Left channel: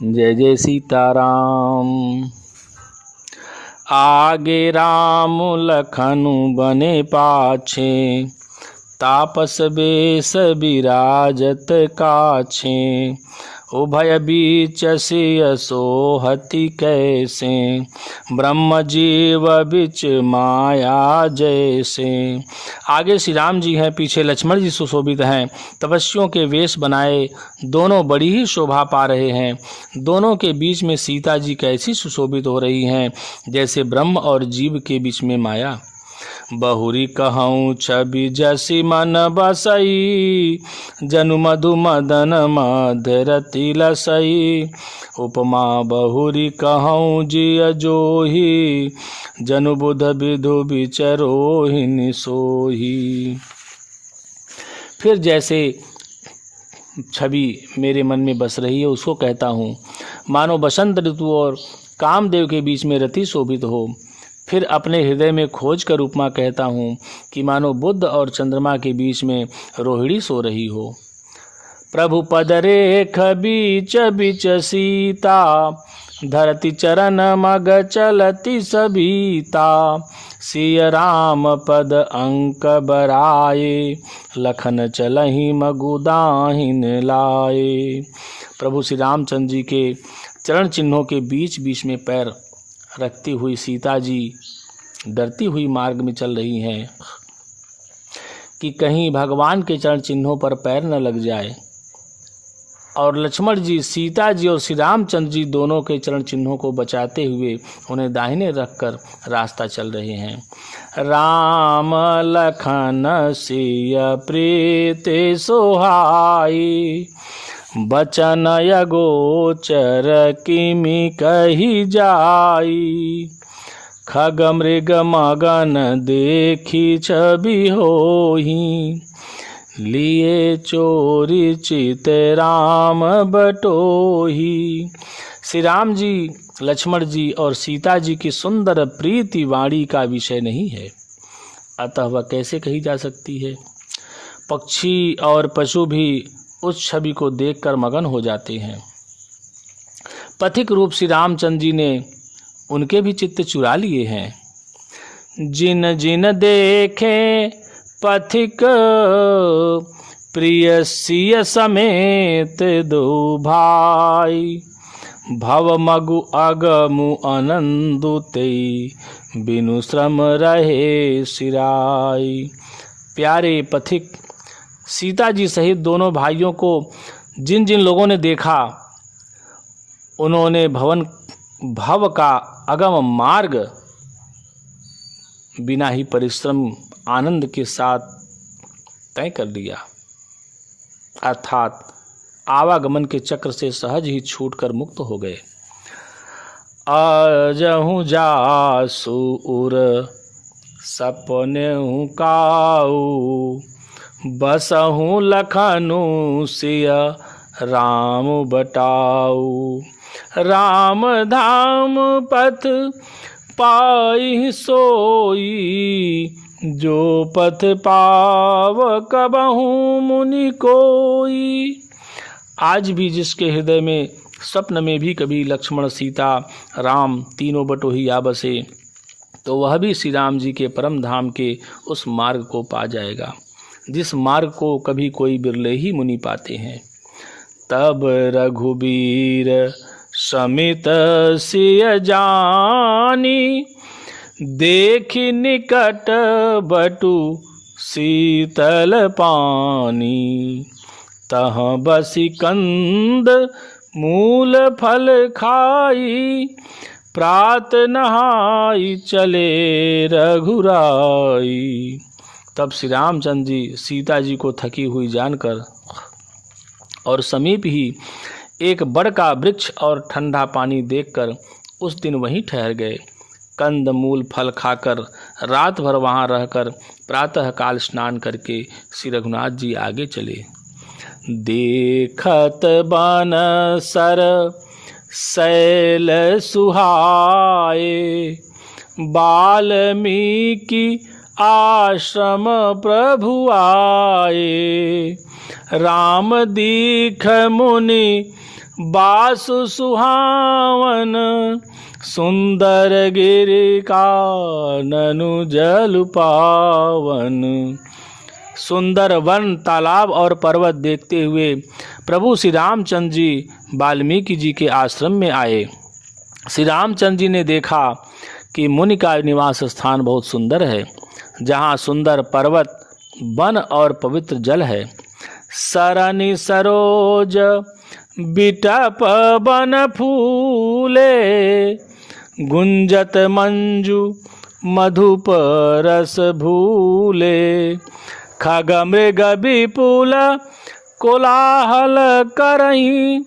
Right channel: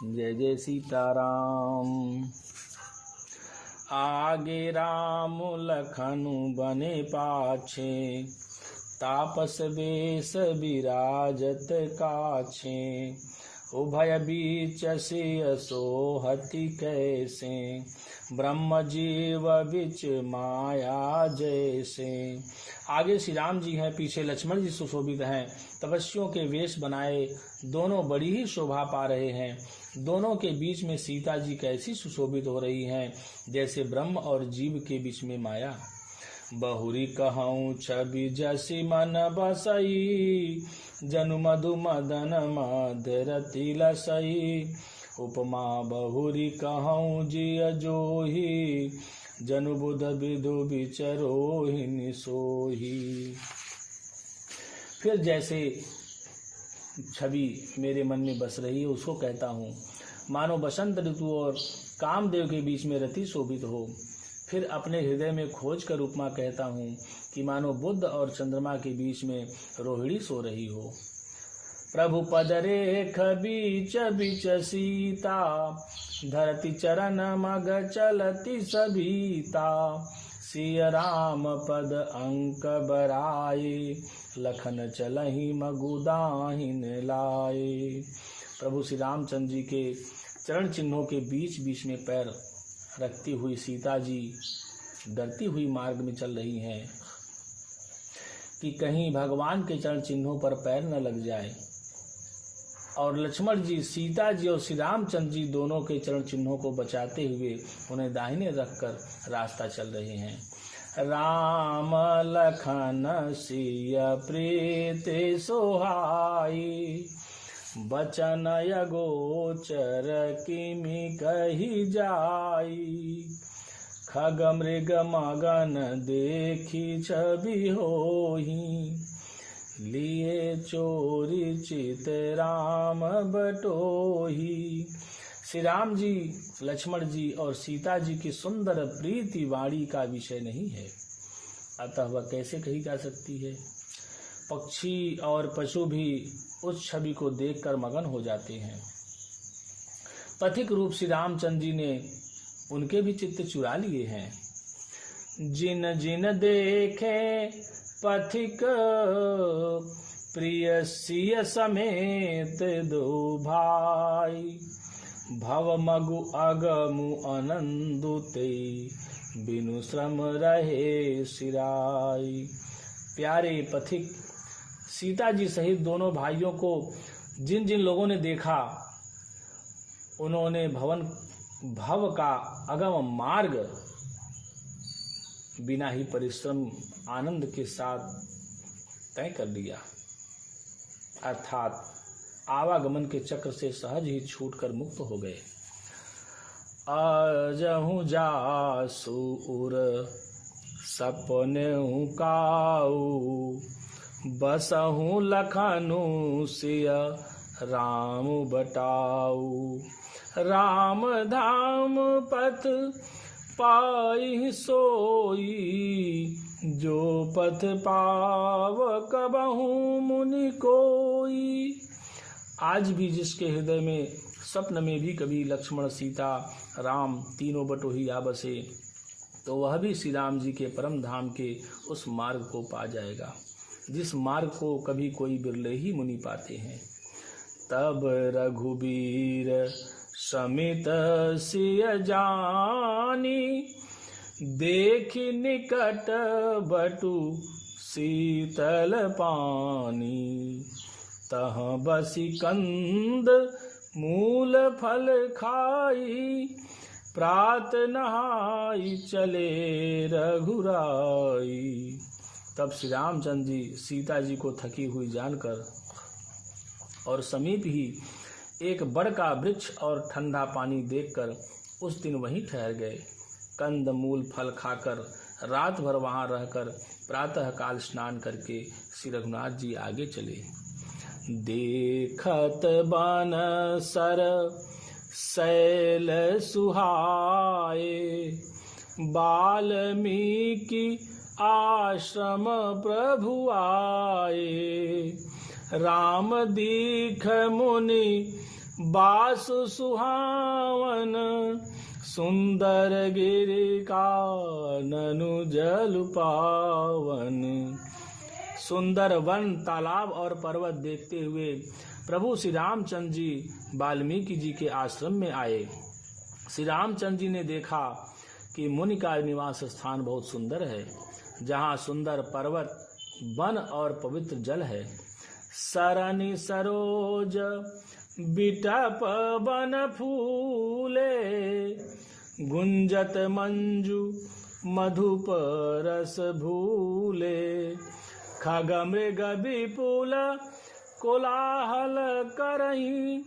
जय जय सीताराम। आगे राम लखनु बने पाछे, तापस बेस बिराजत काछे। उभय बीच सिय सोहति कैसे, ब्रह्म जीव बिच माया जैसे। आगे श्री राम जी हैं, पीछे लक्ष्मण जी सुशोभित हैं। तपस्वियों के वेश बनाए दोनों बड़ी ही शोभा पा रहे हैं। दोनों के बीच में सीता जी कैसी सुशोभित हो रही हैं, जैसे ब्रह्म और जीव के बीच में माया। बहुरी कहूँ छवि जसी मन बसई, जनु मधु मदन मधरति लसई। उपमा बहुरी कहूँ जिय जोही, जनु बुध विधु विचरोहिनी सोही। फिर जैसे छवि मेरे मन में बस रही है उसको कहता हूँ, मानो बसंत ऋतु और कामदेव के बीच में रति शोभित हो। फिर अपने हृदय में खोज कर उपमा कहता हूँ कि मानो बुध और चंद्रमा के बीच में रोहिणी सो रही हो। प्रभु पद रेख बीच बीच सीता, धरती चरण मग चलती सबीता। सिय राम पद अंक बराए, लखन चलहि मगुदाहिन लाए। प्रभु श्री रामचंद्र जी के चरण चिन्हों के बीच बीच में पैर रखती हुई सीता जी डरती हुई मार्ग में चल रही हैं कि कहीं भगवान के चरण चिन्हों पर पैर न लग जाए। और लक्ष्मण जी, सीता जी और श्री रामचंद्र जी दोनों के चरण चिन्हों को बचाते हुए उन्हें दाहिने रखकर रास्ता चल रहे हैं। राम लखन सिय प्रीति सोहाई, बचन अगोचर किमि कही जाई। खग मृग मगन देखी छवि होही, लिए चोरी चित राम बटोही। श्री राम जी, लक्ष्मण जी और सीता जी की सुंदर प्रीति वाणी का विषय नहीं है, अतः वह कैसे कही जा सकती है। पक्षी और पशु भी उस छवि को देखकर मगन हो जाते हैं। पथिक रूप श्री रामचंद्र जी ने उनके भी चित्त चुरा लिए हैं। जिन जिन देखे पथिक, प्रिय सिय समेत दो भाई। भव मगु अगमु आनंदु तेई, बिनु श्रम रहे सिराई। प्यारे पथिक सीता जी सहित दोनों भाइयों को जिन जिन लोगों ने देखा, उन्होंने भव का अगम मार्ग बिना ही परिश्रम आनंद के साथ तय कर लिया, अर्थात आवागमन के चक्र से सहज ही छूटकर मुक्त हो गए। अजहु जासु उर सपनेहु काऊ, बसहु लखनु सिय राम बटाऊ। राम धाम पथ पाई सोई, जो पथ पाव कबहु मुनि कोई। आज भी जिसके हृदय में स्वप्न में भी कभी लक्ष्मण सीता राम तीनों बटोही आ बसे, तो वह भी श्री राम जी के परम धाम के उस मार्ग को पा जाएगा, जिस मार्ग को कभी कोई बिरले ही मुनि पाते हैं। तब रघुबीर समित सिय जानी, देखि निकट बटु शीतल पानी। तह बसी कंद मूल फल खाई, प्रात नहाई चले रघुराई। तब श्री रामचंद्र जी सीता जी को थकी हुई जानकर और समीप ही एक बड़ का वृक्ष और ठंडा पानी देखकर उस दिन वहीं ठहर गए। कंद मूल फल खाकर रात भर वहाँ रहकर प्रातःकाल स्नान करके श्री रघुनाथ जी आगे चले। देखत बन सर शैल सुहाए, वाल्मीकि आश्रम प्रभु आए। राम दीख मुनि बासु सुहावन, सुंदर गिरि काननु जल पावन। सुंदर वन, तालाब और पर्वत देखते हुए प्रभु श्री रामचंद्र जी वाल्मीकि जी के आश्रम में आए। श्री रामचंद्र जी ने देखा कि मुनि का निवास स्थान बहुत सुंदर है, जहाँ सुंदर पर्वत, वन और पवित्र जल है। सरनि सरोज बिटप बन फूले, गुंजत मंजू मधुप रस भूले। खग मृग विपुल कोलाहल करहीं,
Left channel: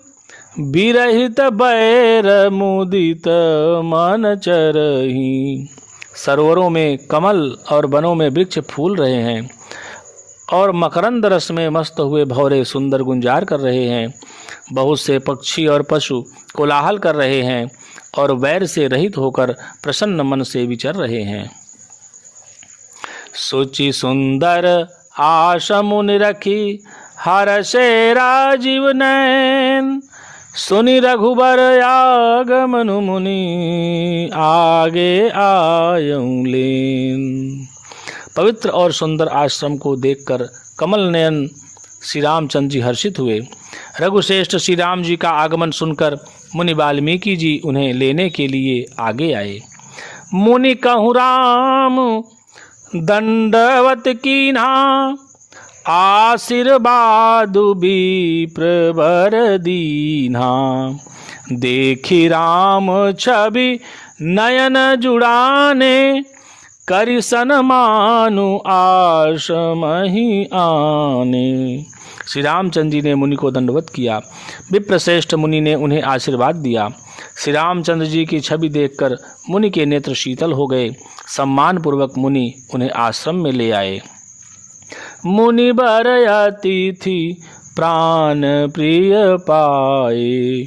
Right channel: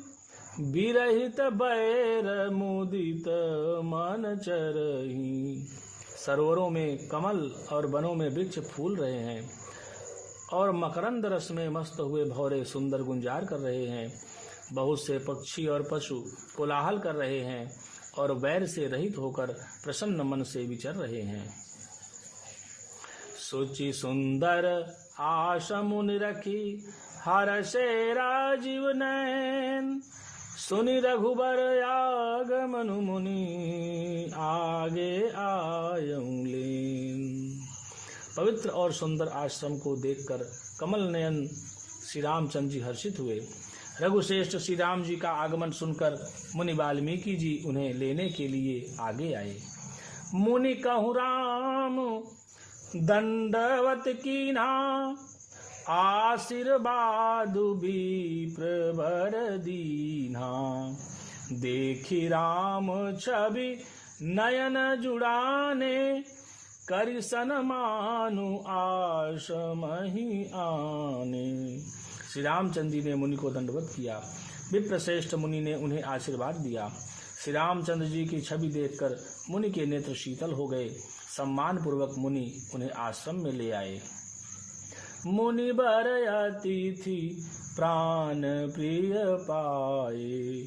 विरहित बैर मुदित मन चरहीं। सरोवरों में कमल और वनों में वृक्ष फूल रहे हैं और मकरंद रस में मस्त हुए भौरे सुंदर गुंजार कर रहे हैं। बहुत से पक्षी और पशु कोलाहल कर रहे हैं और वैर से रहित होकर प्रसन्न मन से विचर रहे हैं। सुचि सुंदर आश मुनि रखी, हर्षे राजीव नयन। सुनि रघुबर आगमन, मुनि आगे आयऊं लेन। पवित्र और सुंदर आश्रम को देखकर कमल नयन श्री रामचंद्र जी हर्षित हुए। रघुश्रेष्ठ श्री राम जी का आगमन सुनकर मुनि वाल्मीकि जी उन्हें लेने के लिए आगे आए। मुनि कहूँ राम दंडवत कीन्हा, आशीर्वाद विप्रवर दीन्हा। देखी राम छवि नयन जुड़ाने, करि सन्मानु आश्रमहि आने। श्री रामचंद्र जी ने मुनि को दंडवत किया। विप्रश्रेष्ठ मुनि ने उन्हें आशीर्वाद दिया। श्री रामचंद्र जी की छवि देखकर मुनि के नेत्र शीतल हो गए। सम्मानपूर्वक मुनि उन्हें आश्रम में ले आए। मुनि बर अतिथि प्राण प्रिय पाए,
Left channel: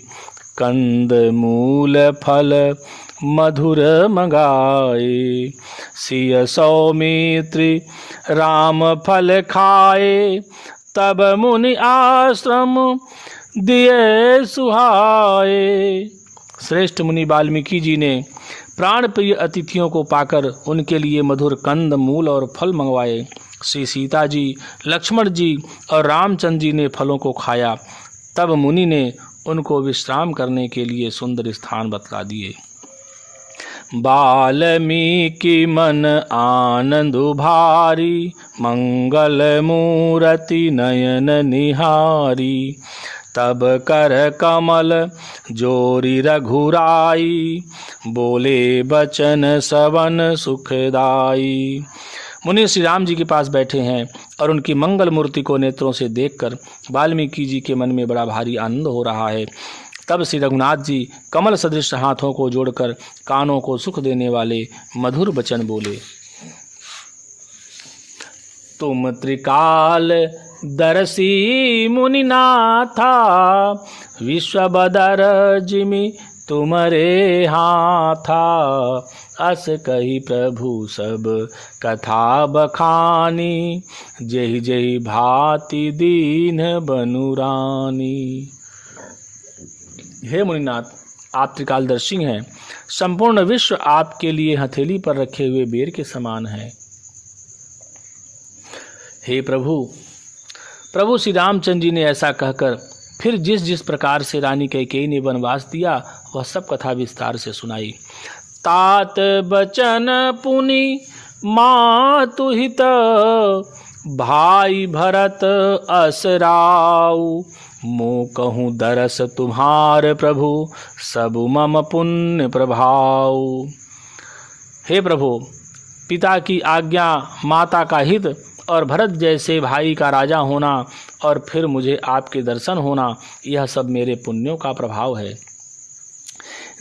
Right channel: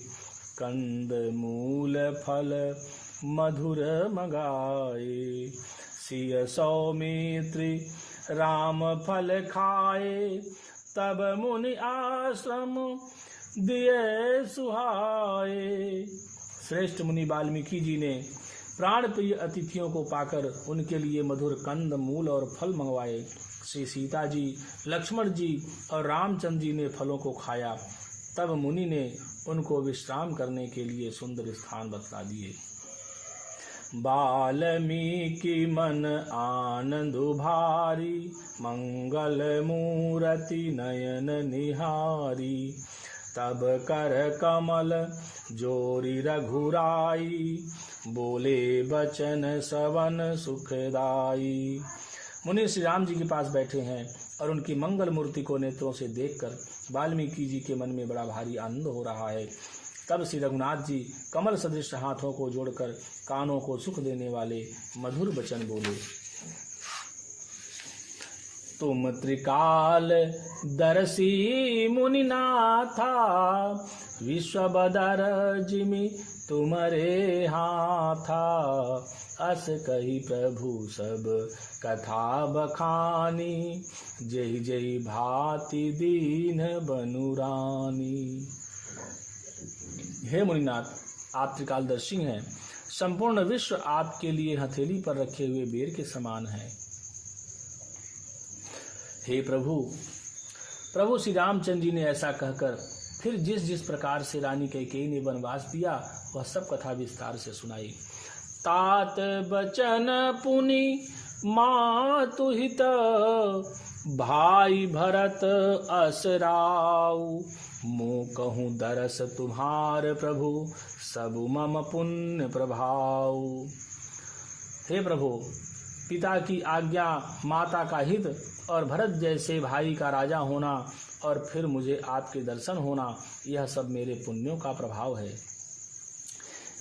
कंद मूल फल मधुर मंगाए। सिय सौमित्री राम फल खाए, तब मुनि आश्रम दिए सुहाए। श्रेष्ठ मुनि वाल्मीकि जी ने प्राण प्रिय अतिथियों को पाकर उनके लिए मधुर कंद मूल और फल मंगवाए। श्री सीता जी, लक्ष्मण जी और रामचंद्र जी ने फलों को खाया। तब मुनि ने उनको विश्राम करने के लिए सुंदर स्थान बतला दिए। वाल्मीकि मन आनंद भारी, मंगल मूरति नयन निहारी। तब कर कमल जोरी रघुराई, बोले बचन सवन सुखदाई। मुनि श्री राम जी के पास बैठे हैं और उनकी मंगल मूर्ति को नेत्रों से देखकर वाल्मीकि जी के मन में बड़ा भारी आनंद हो रहा है। तब श्री रघुनाथ जी कमल सदृश हाथों को जोड़कर कानों को सुख देने वाले मधुर वचन बोले। तुम त्रिकाल दर्शी मुनिनाथा, विश्व बदर जिमि तुम्हारे हाथा। अस कही प्रभु सब कथा बखानी, जहि जहि भांति दीन बनुरानी। हे मुनिनाथ, आप त्रिकालदर्शी हैं। संपूर्ण विश्व आपके लिए हथेली पर रखे हुए बेर के समान है। हे प्रभु श्री रामचंद्र जी ने ऐसा कहकर फिर जिस जिस प्रकार से रानी कैकेयी ने वनवास दिया वह सब कथा विस्तार से सुनाई। तात बचन पुनि मातु हित, भाई भरत असराऊ। मो कहूँ दरस तुम्हार प्रभु, सब मम पुण्य प्रभाव। हे प्रभु, पिता की आज्ञा, माता का हित और भरत जैसे भाई का राजा होना और फिर मुझे आपके दर्शन होना, यह सब मेरे पुण्यों का प्रभाव है।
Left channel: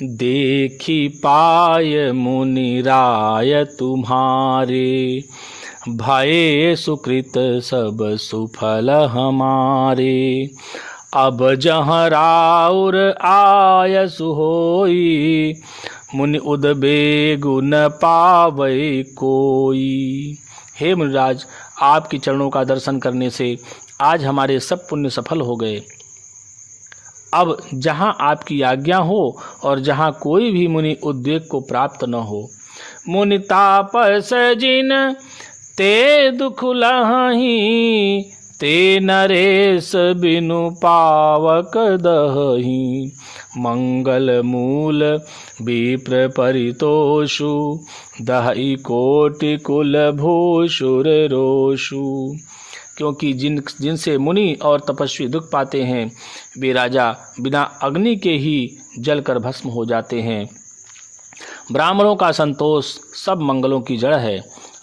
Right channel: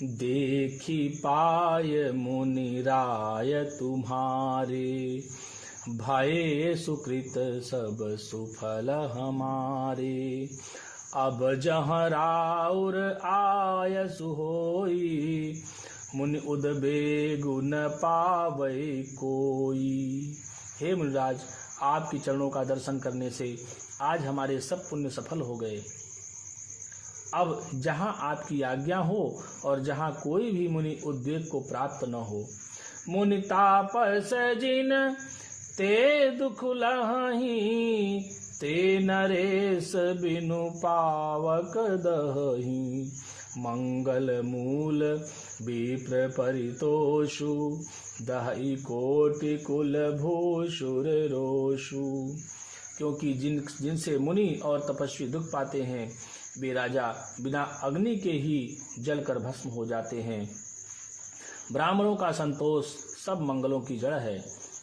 देखी पाय मुनि राय तुम्हारे, भये सुकृत सब सुफल हमारे। अब जहाँ राउर आयसु होई, मुनि उदबेगु न पावै कोई। हे मुनिराज, आपके चरणों का दर्शन करने से आज हमारे सब पुण्य सफल हो गए। अब जहाँ आपकी आज्ञा हो और जहाँ कोई भी मुनि उद्वेग को प्राप्त न हो। मुनि तापस जिन ते दुख लहही, ते नरेश बिनु पावक दहही। मंगल मूल विप्र परितोषु, दहई कोटि कुल भूषुर रोषु। क्योंकि जिनसे मुनि और तपस्वी दुख पाते हैं, वे राजा बिना अग्नि के ही जलकर भस्म हो जाते हैं। ब्राह्मणों का संतोष सब मंगलों की जड़ है,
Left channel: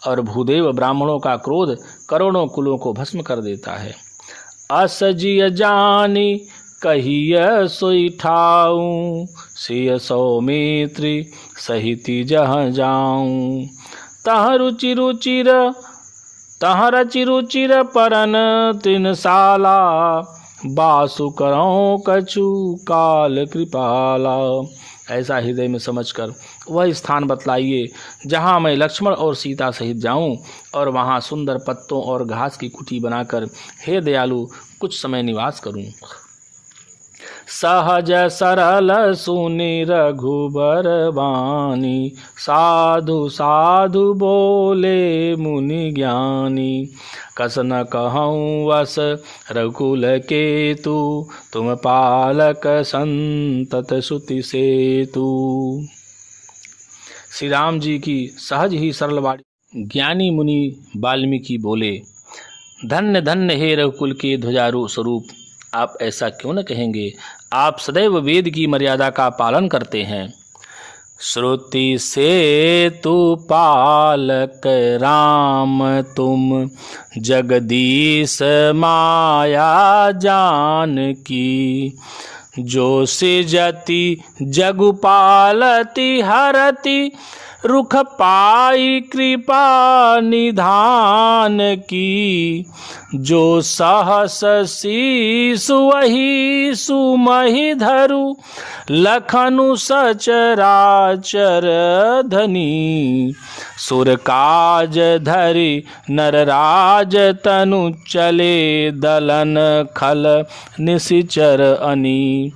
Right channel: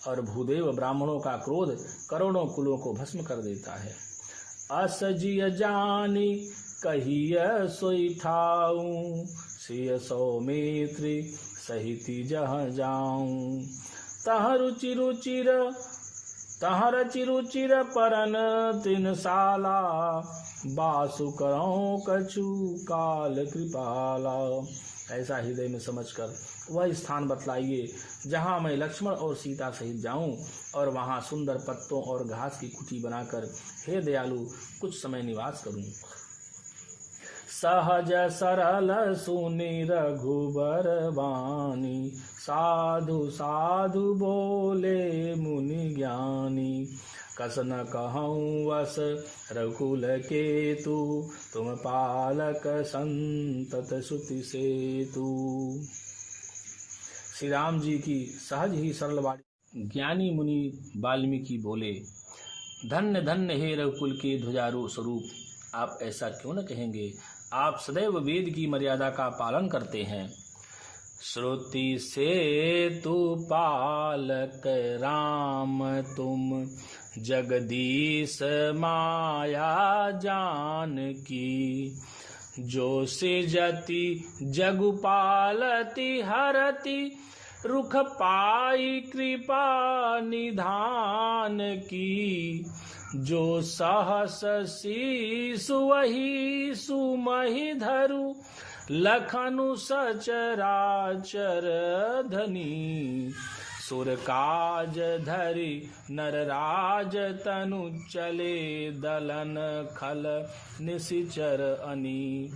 और भूदेव ब्राह्मणों का क्रोध करोड़ों कुलों को भस्म कर देता है। असजिय जानी कहिय सोई ठाऊं, सिय सौमित्री सहिति जहाँ जाऊं। तह रुचि रुचिर तह रचि रुचिर परन तृणशाला, बासु करऊं कछु काल कृपाला। ऐसा हृदय में समझकर वह स्थान बतलाइए जहाँ मैं लक्ष्मण और सीता सहित जाऊं, और वहाँ सुंदर पत्तों और घास की कुटी बनाकर हे दयालु कुछ समय निवास करूं। सहज सरल सुनि रघुबर बानी, साधु साधु बोले मुनि ज्ञानी। कस न कहूँ वस रघुकुल केतु, तुम पालक संतत सुति सेतु। श्री राम जी की सहज ही सरल वाणी ज्ञानी मुनि वाल्मीकि बोले, धन्य धन्य हे रघुकुल के ध्वजारोह स्वरूप, आप ऐसा क्यों न कहेंगे। आप सदैव वेद की मर्यादा का पालन करते हैं। श्रुति से तु पालक राम तुम, जगदीश माया जान की। जो सिजति जगु पालति हरति, रुख पाई कृपा निधान की। जो सहस शीसु वही सुमहि धरु, लखनु सचराचर धनी। सुर काज धरि नरराज तनु, चले दलन खल निशिचर अनी।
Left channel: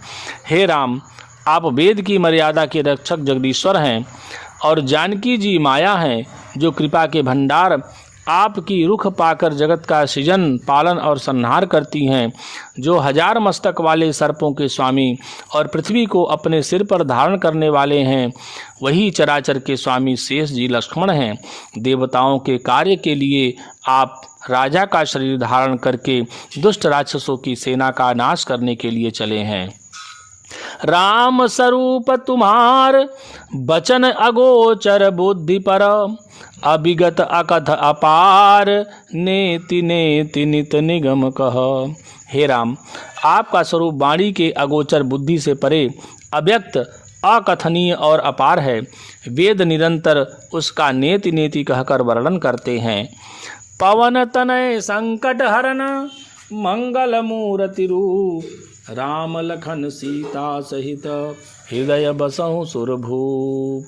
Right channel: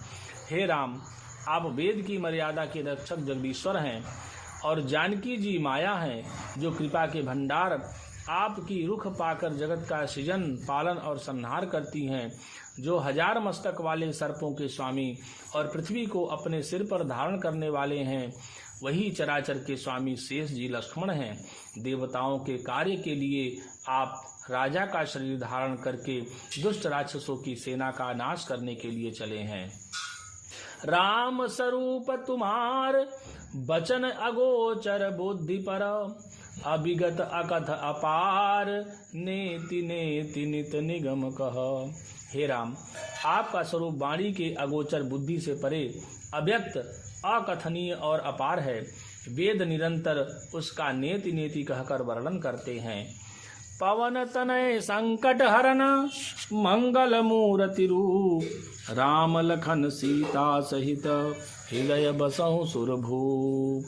हे राम, आप वेद की मर्यादा के रक्षक जगदीश्वर हैं, और जानकी जी माया हैं जो कृपा के भंडार आपकी रुख पाकर जगत का सृजन पालन और संहार करती हैं। जो हजार मस्तक वाले सर्पों के स्वामी और पृथ्वी को अपने सिर पर धारण करने वाले हैं, वही चराचर के स्वामी शेष जी लक्ष्मण हैं। देवताओं के कार्य के लिए आप राजा का शरीर धारण करके दुष्ट राक्षसों की सेना का नाश करने के लिए चले हैं। राम स्वरूप तुम्हार बचन अगोचर बुद्धि पर, अभिगत अकथ अपार नेति नेति नित निगम कह। हे राम, आपका स्वरूप वाणी के अगोचर बुद्धि से परे, अव्यक्त अकथनीय और अपार है। वेद निरंतर उसका नेति नेति कहकर वर्णन करते हैं। पवन तनय संकट हरन, मंगल मूर्ति रूप। राम लखन सीता सहित, हृदय बसहु सुरभूप।